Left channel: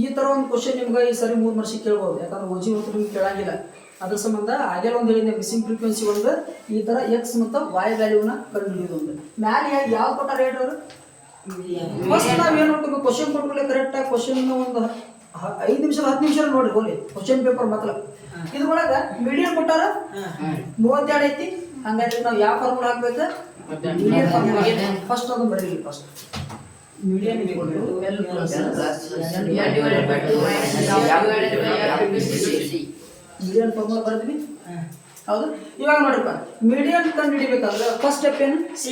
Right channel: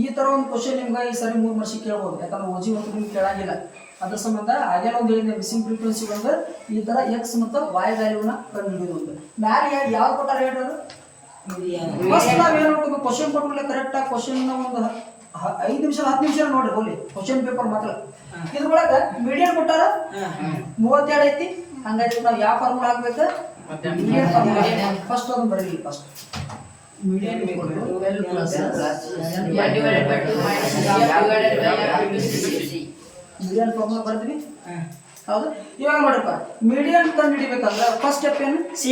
ಈ ತರ ಒಂದು ಕ್ವಶನ್ ನಿಮ್ಗೆ ಈ ಸರಿ 3 ವರ್ಷ ಕೇಳ್ಬೋದು, ಯಾಕಂದ್ರೆ ಓಜಿ ಮತ್ತು ನಿಮ್ಗೆ ಕೇಳಂಗಿಲ್ಲ. ಅದ್ರ ಸಂಬಂಧ ಆಗಲೇ ಒಂದು ಹೇಳಿದೆ, ಮಿಸ್ಸಿಂಗ್ ಫ್ರೀಕ್ವೆನ್ಸಿ ಒಂದು ಈ ತರ ಎಕ್ಸ್ ಮತ್ತು ವಾಯ್ ವ್ಯಾಲ್ಯೂನ ಕಂಡುಹಿಡಿಯೋದು ಒಂದು. ಮ್ಯಾಲೆ ಯಾವ ಕೊಟ್ಟಾರ ಹೇಳ್ರಿ? ಫಸ್ಟ್ ನಾವು ಏನು ಮಾಡ್ತೀವಿ, ಕ್ವಶನ್ ಕೊಟ್ಟರೆ ಕರೆಕ್ಟಾಗಿ ಕ್ವಶನ್ ಒಂದು 5 ನಿಮಿಷ 10 ನಿಮಿಷ ನೋಡ್ರಿ ಹೋಗ್ಲಿ ಕ್ವಶನ್ ಪೇಪರ್ ಮಾತ್ರ. ಇದ್ರೊಳಗೆ ಮೀಡಿಯಂ ಕೊಟ್ಟಾರ 32 ಐತಿ. ಹಂಗಾಗಿ ನಾವು ಯಾವ ಫಾರ್ಮುಲಾ ಹಾಕ್ಬೇಕು? ಫಸ್ಟ್ ಅದು ಬರೀಲಿ. First medium L plus medium formula ಬರ್ತೀನಿ. ಹೌದು, ಇವಾಗ ನೋಡ್ರಪ್ಪ, ಮೀಡಿಯಂ ಕಂಡು ಹಿಡಿಬೇಕಂದ್ರೆ ಫಸ್ಟ್ ಸ್ಟೆಪ್ ಏನು? ಸಿ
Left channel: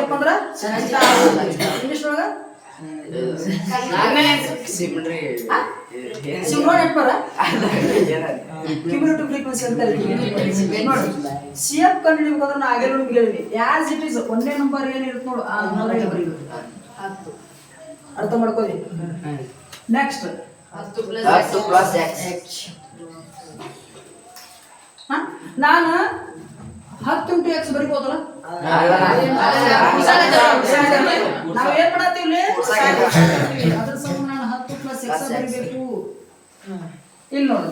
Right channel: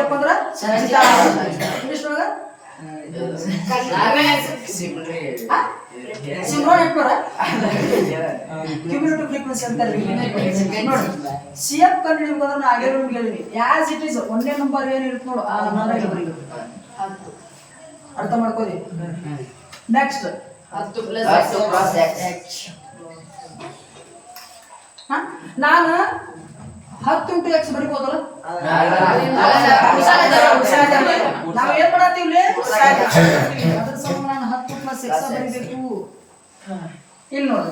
ಎಫ್ ಅಂದ್ರೆ ಇಂಗ್ಲಿಷ್ನೊಳಗ ಕ್ಯುಮ್ಯುಲೇಟಿವ್ ಫ್ರೀಕ್ವೆನ್ಸಿ ಅಂತ. ಸಿ ಎಫ್ ಕಂಡು ಹಿಡಿಬೇಕಾದ್ರೆ ನಾ ಆಗಲೇ ನಿಮ್ಗೆ ಹೇಳಿನಿ, ಆಸ್ ಇಟ್ ಈಸ್ ಒಂದೇ ನಂಬರ್ ಏನಿರುತ್ತೆ ನೋಡು ಆ ನಂಬರ್ ಇಲ್ಲಿ ಬರೀಬೇಕು. ಅರ್ಥ ಮಾಡ್ಕೊಳ್ಳಿ. Next 10 plus X. ನಾನು 10 into x ಬರೀಬೋದಲ್ಲ? ನಾವು ಏನ್ ಮಾಡತ್ತೀವಿ? ಅದ್ರ ಸಂಬಂಧ ನಾನು 10 plus x ಬರೀಬೇಕು. ಇಲ್ಲಿ ನೋಡಿ,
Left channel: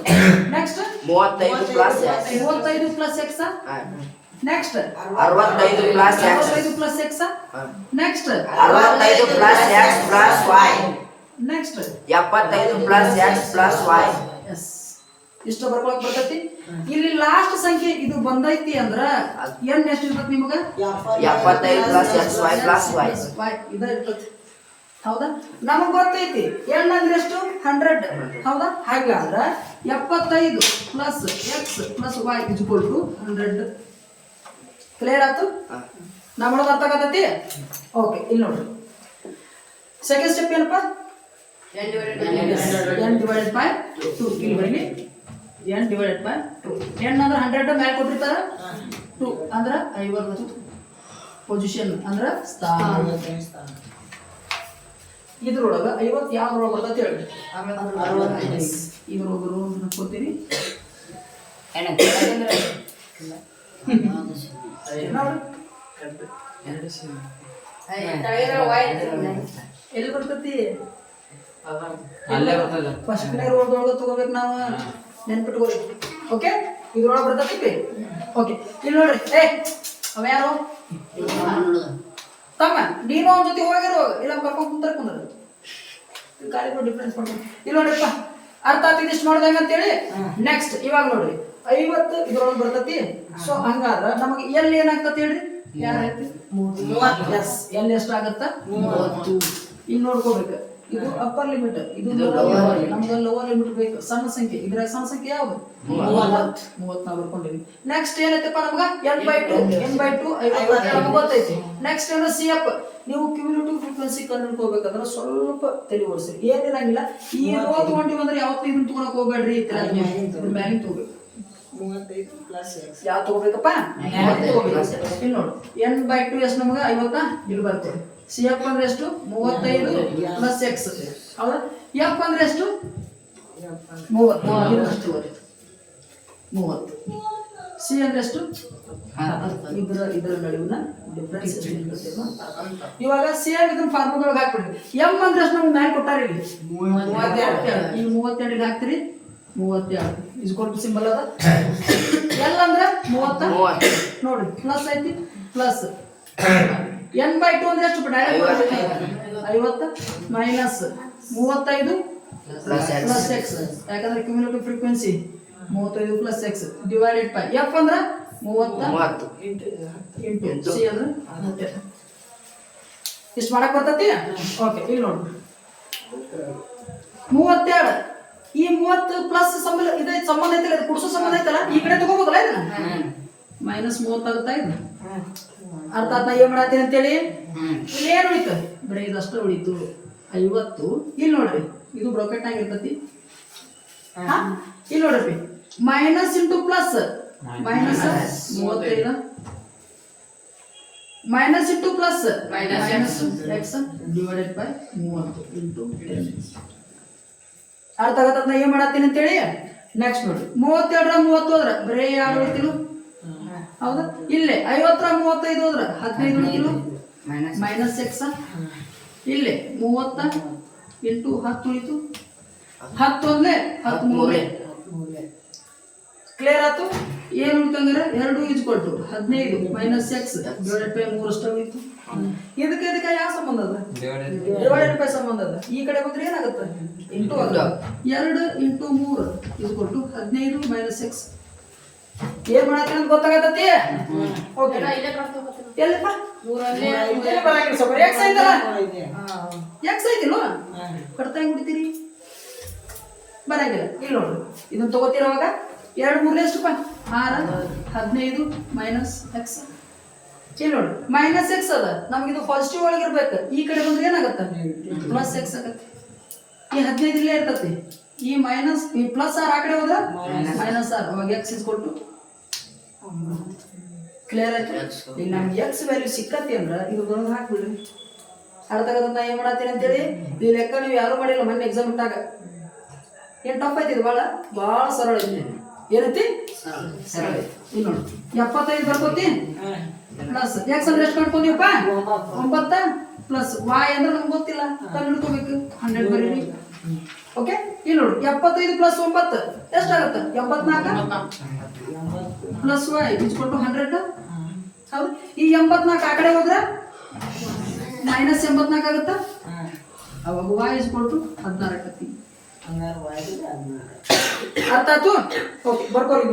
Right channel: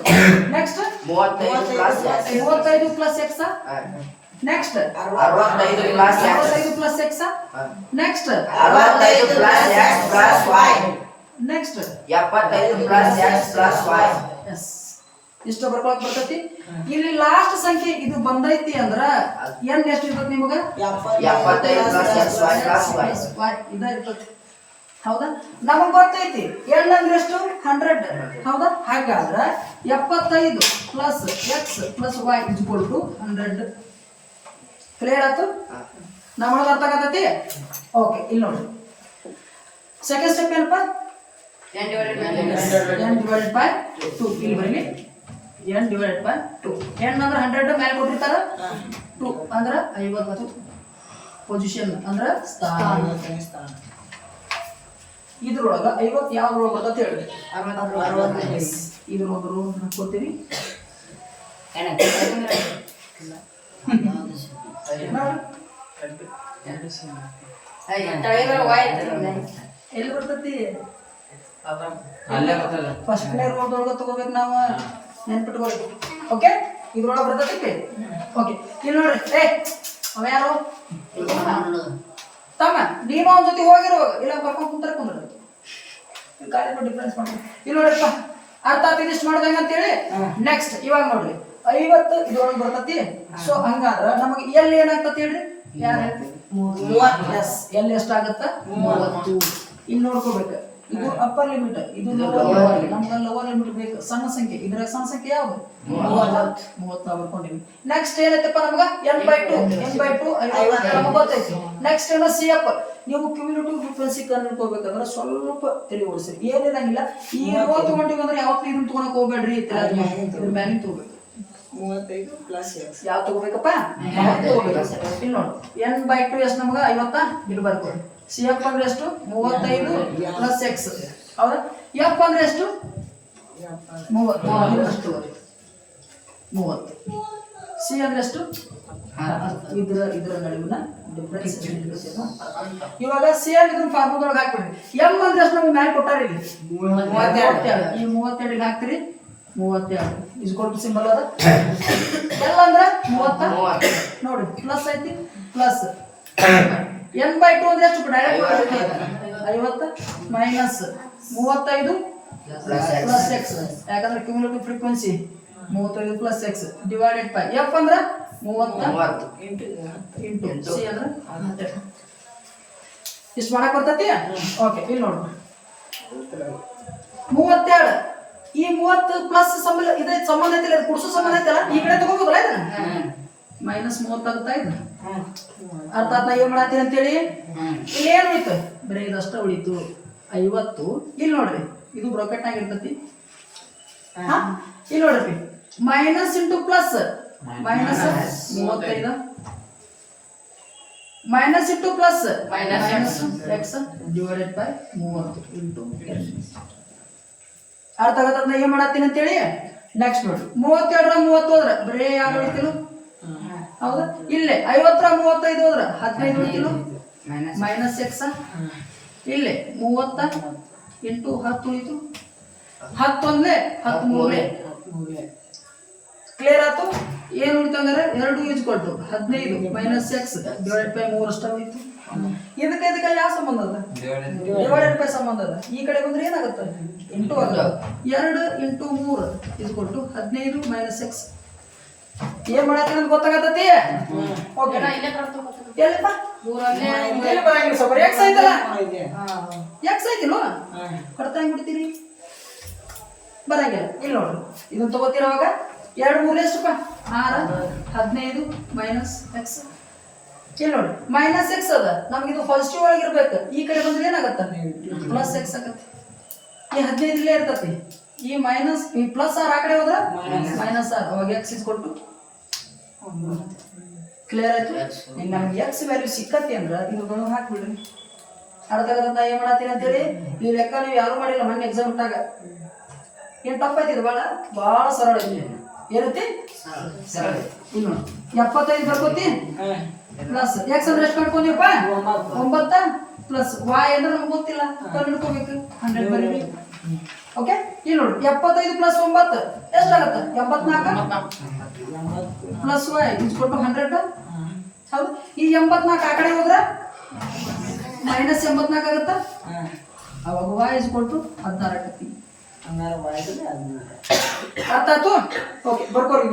next 35 plus x. 35 plus x. Next 65 plus x. 65 plus x. Next 65 plus x plus y. Next 75 plus x plus y. Yes, ಇಷ್ಟು ಬರ್ಕೊಳಕ್ ಬರ್ತೈತಿ. ಇಲ್ಲಿ ಲಾಸ್ಟ್ ಸಂಖ್ಯೆ ಇದು ಬಂದೈತಿ ಅಂದ್ರ ಏನ್ ಎಷ್ಟು ಇರ್ತೈತಿ ನಿಮಗ? 75 plus x y plus y. ಇದ ಇರ್ತೈತಿ. ಹೌದಾ? ನಮಗ್ ಗೊತ್ತೈತಿ n ಅಂದ್ರೆ ಎಷ್ಟು? 100. ಹೌದಾ? ಹಾಗಾದ್ರ 75 plus x plus y equal to 100. Clear ಆಯ್ತು? ನಮ್ಮೊಳಗೆ ಅರ್ಥ ಆಗತೈತಿ? ಓಕೆ, ಇಲ್ಲಿ ನೋಡ್ರಿ ಸೆಕೆಂಡ್ ಸ್ಟೆಪ್ ಏನಪ್ಪ? n divided by 2. ಇಲ್ಲಿ ಬರೀಲಿ n divided by 2. n ಅಂದ್ರೆ 100 ಮೇಲೆ ಕೊಟ್ಟಿರ್ತಾರ, 2 ಅಂದ್ರೆ 50. ಪೊಸಿಷನ್ ಅಂದ್ರೆ ಸ್ಥಾನ. ಇದ್ರೊಳಗ 50 ಯಾವ್ದ್ರೊಳಗ ಅಂತ ಹೇಳಿ ಇದ್ರೊಳಗ ಹಾಕೋತೀನಿ. ಎಲ್ಲಿ ಬರ್ತೈತಿ? ಫಸ್ಟ್ ರೋಗ ತಗೋಬೇಕು ನಾವು, ನೆನ್ಪಿಟ್ಕೋಬೇಕು. ಓಕೆ, ಇದ್ರೊಳಗೆ ಬರ್ತೈತಿ. ಓಕೆ, ಇಲ್ಲಿ ನೋಡ್ರಿ, ಅವ ಯಾರು? ತಮ್ಮ ನೀನು ಅವನ ಜೊತೆ ಹೋಗಿರೋ, ಇಲ್ಲ ಕರ್ಕೊಂಡು ಕುಂದ್ರ ಗಾಡಿ ಡಿಫ್ರೆನ್ಸ್ ಮಾಡಿ. ಇಲ್ಲಿ ನೋಡ್ರಿಪ್ಪ, ಅರ್ಥ ಆತ ಇದಿಷ್ಟು ಮಾಡ್ದಂಗ ಅಂತೇಳಿ. ನೆಕ್ಸ್ಟ್ ಇವಾಗ ನೋಡ್ರಿ 50 ಇದ್ರೊಳಗೆ ಬರ್ತೈತಿ. ಸೊ ಹಂಗಾದ್ರ ನಮಗೆ ಎಲ್ಲಿ ಏನಾಗ್ತತಿ ಹೇಳ್ರಿ? ಎಸ್, ಎಲ್ಲಿ ಎಷ್ಟಾಗತ್ತ? 30. ಇಲ್ಲಿ ನೋಡ್ಕೋಬೇಕು, ಇದು ಅಪ್ಪರ್ ಲಿಮಿಟ್, ಇದು ನಮ್ಗೆ ಲೋವರ್ ಲಿಮಿಟ್ ಬೇಕು. ಸಣ್ಣ ಸಂಖ್ಯೆ, ಇದ್ರ ಸಣ್ಣ ಸಂಖ್ಯೆ ಯಾವ್ದು? 30 ನಾವು ಬರ್ಕೊಂಡಿವಿ. ನೆಕ್ಸ್ಟ್ ಏನೈತಪ್ಪ ನಮಗ? n/2 ನಮಗೆ ಗೊತ್ತೈತಿ. ನೆಕ್ಸ್ಟ್ ಏನೋ ಸಿ ಎಫ್. ನೀವು ಕ್ಯುಮ್ಯುಲೇಟಿವ್ ಫ್ರೀಕ್ವೆನ್ಸಿ ಕಂಡುಹಿಡ್ಕೋಬೇಕಂದ್ರೆ ಸ್ವಲ್ಪ ತಲೆ ಓಡಿಸ್ರಿ, ಏನಿರಂಗಿಲ್ಲ. ಈ ರೋ ತಗೊಂಡಿವಿ ಅಂದ್ರೆ ಯಾವತ್ತೂ ಇದನ್ನ ತಗೊಳಕ್ ಹೋಗ್ಬೇಡ್ರಿ, ಇದ್ರ ಮ್ಯಾಲಿನ ತಗೋಬೇಕು. 35 ಪ್ಲಸ್ ಎಕ್ಸ್ ಯಾವ ತಗೋಬೇಕಪ್ಪ? ಇಲ್ಲಿ ನೋಡು, n/2 ಎಷ್ಟು ನಮಗ? 50. ಇಲ್ಲಿ ಬರ್ಕೊಳ್ಳಿ. ಸಿ ಎಫ್ ಅಂದ್ರೆ ಎಷ್ಟು? 35 ಪ್ಲಸ್ ಎಕ್ಸ್. ಹೌದಾ? ಎಫ್ ಅಂದ್ರೆ ಎಷ್ಟು? 30. ಅಷ್ಟು 30. ಸಿ ಅಂದ್ರೆ ಎಷ್ಟು? ಇದ್ರ ನಡುವಿನ ಡಿಫರೆನ್ಸ್. ಇವಾಗ ಸಿ ಅಂಡ್ ಇದನ್ನ ಫಾರ್ಮುಲಾದೊಳಗೆ ಹಾಕ್ಬಿಡ್ರಿ. ಎಂ ಅಂದ್ರೆ ಎಷ್ಟು ನಮ್ಗೆ ಮ್ಯಾಲೆ ಕೊಟ್ಟಾರ ಇಲ್ಲಿ? 32. ಈ 32 ಹಾಕ್ತಿರಿ. 32 ಇಸ್ಕೊಲ್ ಸಿಂಬಲ್ ಅದ. ಎಲ್ ಅಂದ್ರೆ 30 ನೋಡಿ, ಪ್ಲಸ್ ಐತಿ. ಪ್ಲಸ್ n/2 ಅಂದ್ರೆ ಎಷ್ಟು? Direct 50 minus 35 plus X. ಯಾಕಂದ್ರೆ cumulative frequency 35 plus X divided by F ಅಂದ್ರೆ 30 ಇಂಟು ಸಿ ಅಂದ್ರೆ 10. ಇಷ್ಟು ಮಾಡಕ್ ಬರ್ತೈತಿ? ಓಕೆ, ಇಲ್ಲಿ ನೋಡಿ 32. ಈ 30 ಪ್ಲಸ್ ಸಂಬಂಧ ಇದೆ, ಸಂಬಂಧ ಐತಿಲ್ಲ, ಇದು ಕುಡ್ಸೋ ಸಂಬಂಧ ಐತಲ್ಲ, ಈ ಕಡೆ ತಗೋಬೋದಲ್ಲ ಇದನ್ನ. ಮೈನಸ್ 30 ಆಗುತ್ತಾ ಇದು? ಅರ್ಥ ಆಯ್ತಾ ಏನ್ ಮಾಡತ್ತೀನಿ ಅಂತೇಳಿ? ಇಲ್ಲಿ ಏನು ಉಳಿತು? ಬರೀ ಇದಷ್ಟ ಉಳಿತು 50. ಇಲ್ಲಿ ನೋಡ್ರಿ, ಇದು ಬ್ರಾಕೆಟ್ ಆಗಿರ್ತತಿ. ಇಲ್ಲಿ ನೋಡ್ರಿ, minus into plus, minus 35 minus into plus minus X divided by 30 into 10. ಅರ್ಥ ಆಗತ್ತ ಏನ್ ಮಾಡತ್ತೀನಿ ಅಂತೇಳಿ? ನೆಕ್ಸ್ಟ್ ನೋಡ್ರಿ, 32 30 ಹೋದ್ರ ಬರೀ ಯಾವ ಉಳಿತಿಲ್ಲ? ಹೌದಾ? ಇಲ್ಲೇ 50 35 ಹೋದ್ರ 15 ಉಳಿತಿಲ್ಲ ಮೈನಸ್ ಎಕ್ಸ್. ಇಲ್ಲೇ 30 ಇಂಟು 10 ಉಳಿತು 10 ಒಂದ್ಲೆ 13 ಕ್ಲಿಯರ್ ಆಯ್ತು. ಏನು ಉಳಿತು ಅಂದ್ರೆ 2 ಈಸ್ ಕೊಟ್ಟು 15 ಮೈನಸ್ ಎಕ್ಸ್ ಡಿವೈಡೆಡ್ ಬೈ 3 ಅಷ್ಟ ಉಳಿತು. ಇದಕ್ಕೆ ಯಾವ ಸಂಬಂಧ ಅದ? ಡಿವೈಡೆಡ್ ಬೈ ಸಂಬಂಧ ಅದ. ಈ ಕಡೆ ಬಂದ್ರೆ ಏನಾಗುತ್ತೆ? ಇಂಟು ಅದ. 2 ಇಂಟು 3 ಈಸ್ ಕೊಟ್ಟು 15 ಮೈನಸ್ ಎಕ್ಸ್. ಏನ್ ಮಾಡತ್ತೆ ಅಂತ ಗೊತ್ತಾಗತ್ತತಿ? ಓಕೆ ಎಲ್ಲಪ್ಪ ಎಲ್ಲಿ ಬರಂಗಿಲ್ಲ ಸ್ವಲ್ಪ ಎಕ್ಸ್ ಐತಲ್ಲ, ಎಕ್ಸ್ ಐತಿಲ್ವ ಕಟ್ತಾ ಹೆಂಗ್ ಬಿಡ್ತೀರಿ? ಬರಂಗಿಲ್ಲ. ಇಲ್ಲಿ ನೋಡ್ರಿ ಇದನ್ನ ತಗೋತೀರವಾಗ 2 3 ಎಷ್ಟಪ್ಪ? 6 15 ಮೈನಸ್ ಎಕ್ಸ್. ಇಲ್ಲಿ ನೋಡಿ ಮೈನಸ್ ಎಕ್ಸ್ ಅದ, ನಮಗಿದು ಪಾಸಿಟಿವ್ ಒಳಗಿರ್ಬೇಕು. ಈ ಕಡೆ ಬಂದ್ರೆ ಏನಾಗತ್ತ? ಪ್ಲಸ್ ಎಕ್ಸ್ ಆಗತ್ತೆ. ಈ 15 ಇಲ್ಲೇ ಇರ್ತತಿ. ಈ ಮೈನಸ್ ಈ ಪ್ಲಸ್ ಆರ್ ಆ ಕಡೆ ಹೋದ್ರ ಮೈನಸ್ ಆರ್. ಅವಾಗ ಎಕ್ಸ್ ಇಸ್ಕೊಟ್ಟು ಕ್ಲಿಯರ್ ಆಯ್ತು. ಈಗ ನಮ್ಗೆ ಎಕ್ಸ್ ವ್ಯಾಲ್ಯೂ ಸಿಕ್ಕತಿ ಅಂದ್ರ ಇದು ಬಂದು ಹಾಕ್ಬಿಡ್ರಿ. ಅರ್ಥ ಆಗತ್ತ ನಾ ಏನ್ ಮಾಡತ್ತೀನಿ ಅಂತೇಳಿ. ಈ ಲೆಕ್ಕ ನೀವು ಯಾರು ಮಾಡಿಲ್ಲ ಮೊನ್ನೆ ಎಕ್ಸಾಮ್ ಇಟ್ಟಾಗ. ಏನ್ ಟಫ್ ಐತಿ ಇದು? ಭಾಳ ಸರಳ ಐತಿ. ಏನೈತಿ? ಸರಳ ಐತಿ. ಇಲ್ಲಿ ನೋಡಿ 75 ಬರ್ಕೋತಿ ಪ್ಲಸ್ ಎಕ್ಸ್ ಅಂದ್ರೆ ಎಷ್ಟು ಮಾಡ್ಕೊಂಡಿವಪ್ಪ? 9 ಪ್ಲಸ್ ವಾಯ್ ಅಂದ್ರೆ ನಮ್ಗೆ ಗೊತ್ತಿಲ್ಲ, ತಂದು ಹಿಡ್ಕೋಬೇಕು. 100 ಬರೀರಿ. ಓಕೆ. ಇಲ್ಲಿ ನೋಡಿ 75 ಪ್ಲಸ್ 9 ಎಷ್ಟಾಗತ್ತ? 84 ಪ್ಲಸ್ ವೈ ಇಸ್ಕೊಟ್ಟು 100. ಹೌದು. ಈ 84 ಆ ಕಡೆ ಹೋದ್ರ ಮೈನಸ್ 84 ಆಗತ್ತ. ಅವಾಗ ವಾಯ್ ಇಸ್ಕೊಟ್ಟು 16 ಆಗತ್ತಿ. ಅರ್ಥ ಆಯ್ತು? ಓಕೆ ಬರ್ಕೋರಿ.